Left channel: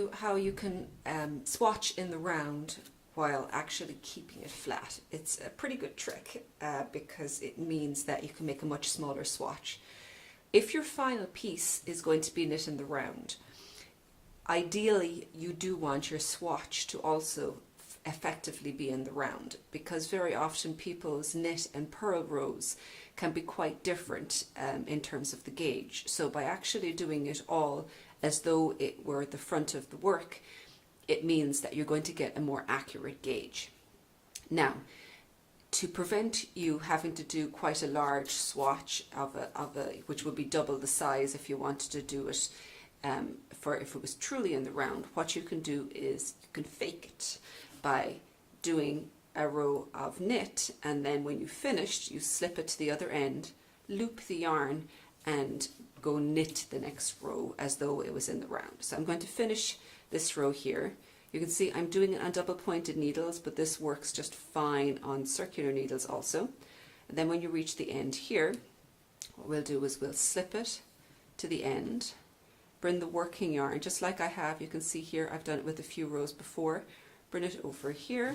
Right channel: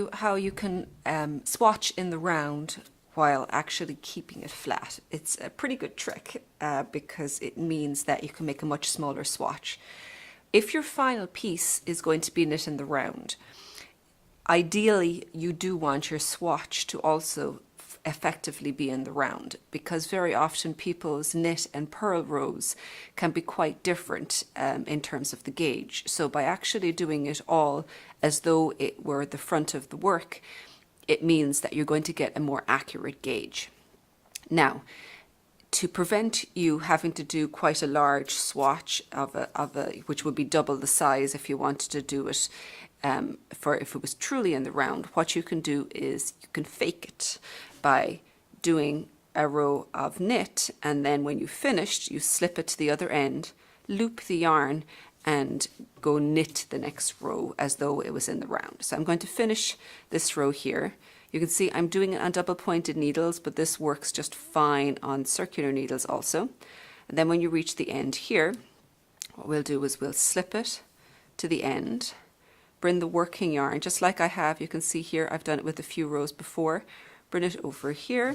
you how you can swatch in the round while actually keeping it flat. It's a pretty good trick because it means that you can make a much smaller swatch. If your final piece is going to be knit in the round, ideally you do want your swatch to also effectively be in the round, because very often people's knit and purl rows can be quite different in terms of the gauge. So by actually doing it all as though it were the front of the work, it means that you're going to get a more accurate gauge. Now, to prevent you having to do quite a large swatch which would be double the size if you wanted to do it if it was truly in the round, what you can do is you can fake it by doing a row of knit, and then when you've finished, you slip it to the other end, loop the yarn, and go knit the next row as though it was in the round. So I'm going to finish this row here. You can see I'm doing it on double pointed needles, but this works just fine on circular needles also. And then when you reach the end here, what we'll do is we'll slip it to the end, bring the working yarn, just like I have, you can see here, I've done it with a few rows before, bring it over here,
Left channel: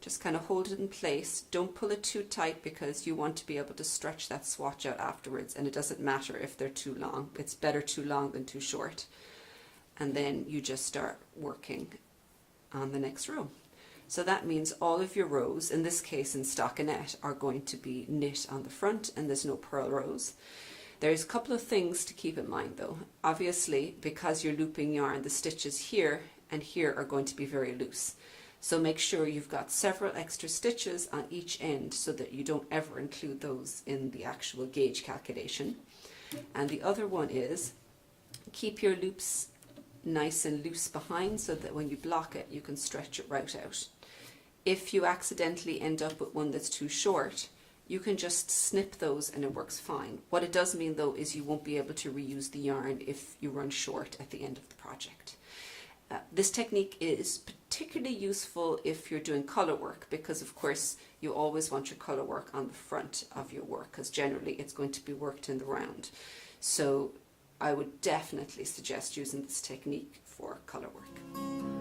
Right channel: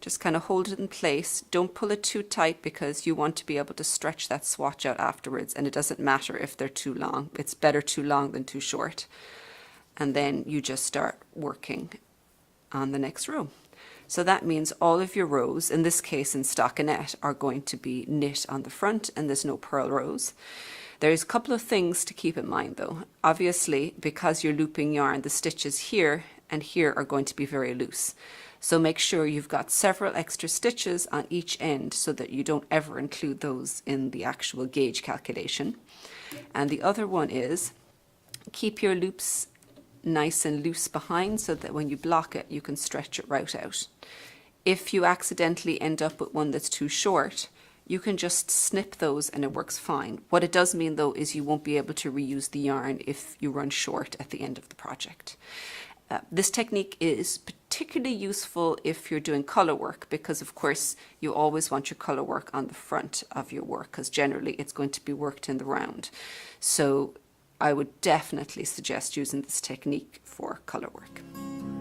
just kind of hold it in place. Don't pull it too tight because you want to be able to stretch that swatch out afterwards, and it doesn't matter if they're too long. It's better too long than too short. And then you just start working on the next row. So that means all of your rows, in this case in stockinette, are going to be knit on the front, and there's no purl rows. There's a couple of things to keep in mind though. Obviously, because you're looping yarn, the stitches here and here are going to be very loose. So make sure you've got several extra stitches on each end so that you don't ever include those in the actual gauge calculation. And the other one is keep your loops nice and loose behind so that when you block it, you can stretch it right out. If you accidentally end up with one that's too short, you can just snip those and it works fine. What it does mean though is you won't be able to reuse the yarn if you run short at the end of the project. This technique is particularly useful if you're doing colour work, because of course you always want your colour work on the front of your work, because generally it's going to be worked in the round. So I would definitely suggest using this technique for colour work.